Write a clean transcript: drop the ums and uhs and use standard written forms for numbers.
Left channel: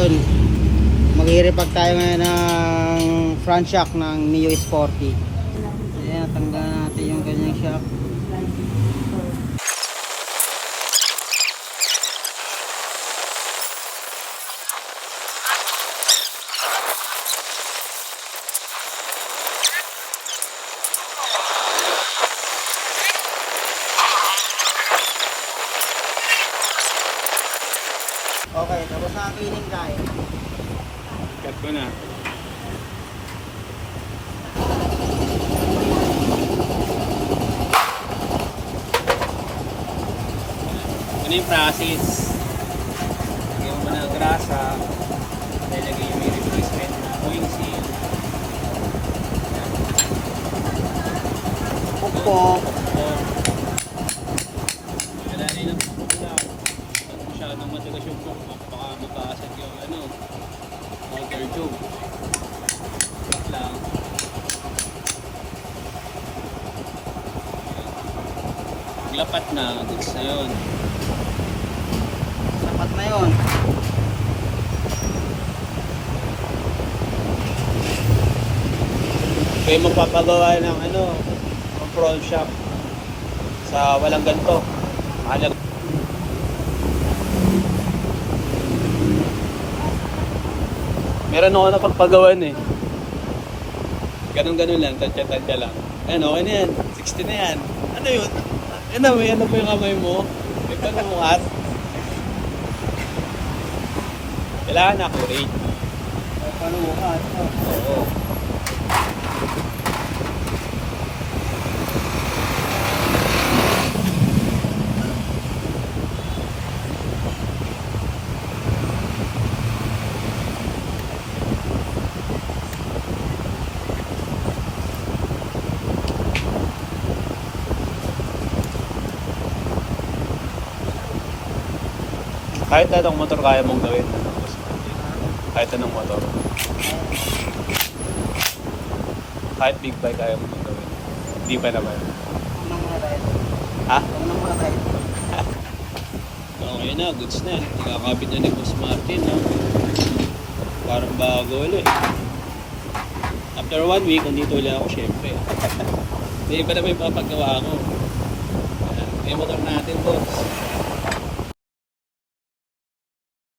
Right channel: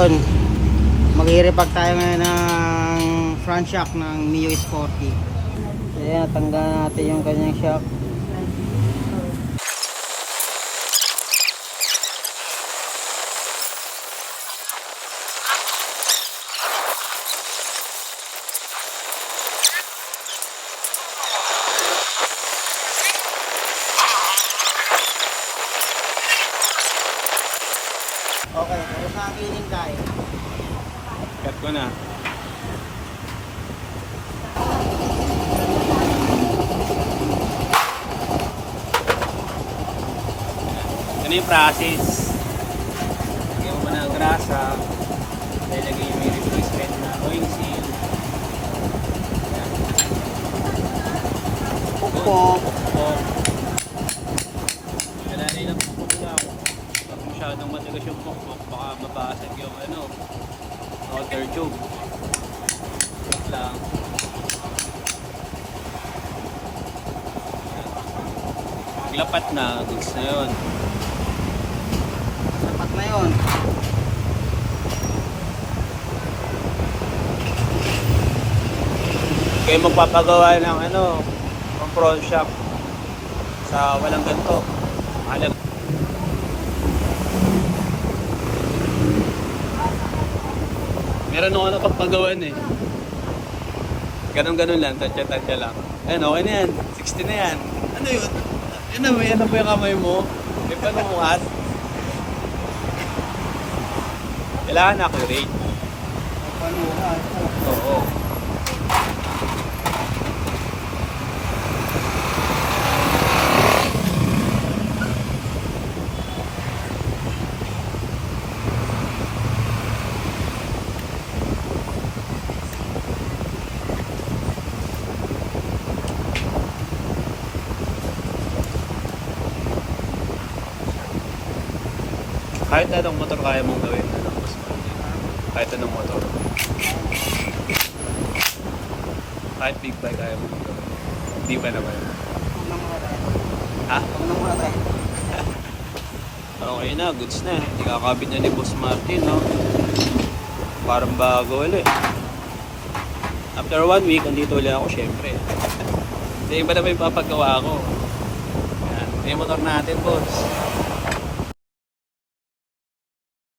Ayun, mag-i-repag tayo ngayon ng front shock ng Mio Sporty. Ayan, tanggalin natin yung kanyang shock. Okay, tapos na ang cleaning tayo. Cut ko na. Ganun yung process. Lagyan mo na ng grasa. Lalagay yung may replacement na oil seal. Pukpok. Pukpok. Kalalay ng pukpok lang. Pag masyadong matagas yung pukpok, baka mabasag yung water tube. Pukpok lang. Paglapat na, goods na yun. Sapat na yun. Kayo magpapagawa ng ng front shock sa walang ganito. Mahalaga. Meron ako napagpagawan eh. Ganun-ganun lang, tansya-tansya lang. Ayan, okay na yan. 60 na yan. Ano yun? Yan na, may ano pa yung kamay mo? May panumukat? Kailangan accurate. Panuhat. Oo. Kahit anong motor kaya mong gawin mo ng boss man. Kahit anong motor. Kahit big bike kaya mong gawin. Hindi pa naman. Huwag na muna tayo. Ha? Huwag na muna tayo. Okay na, goods na. Ikakabit niya ni Boss Martin, no? Parang bago ulit. After 1 week, andito ulit ako, syempre. Hindi pa naman yung papagawa ko. Yan. Yung motor natin, boss.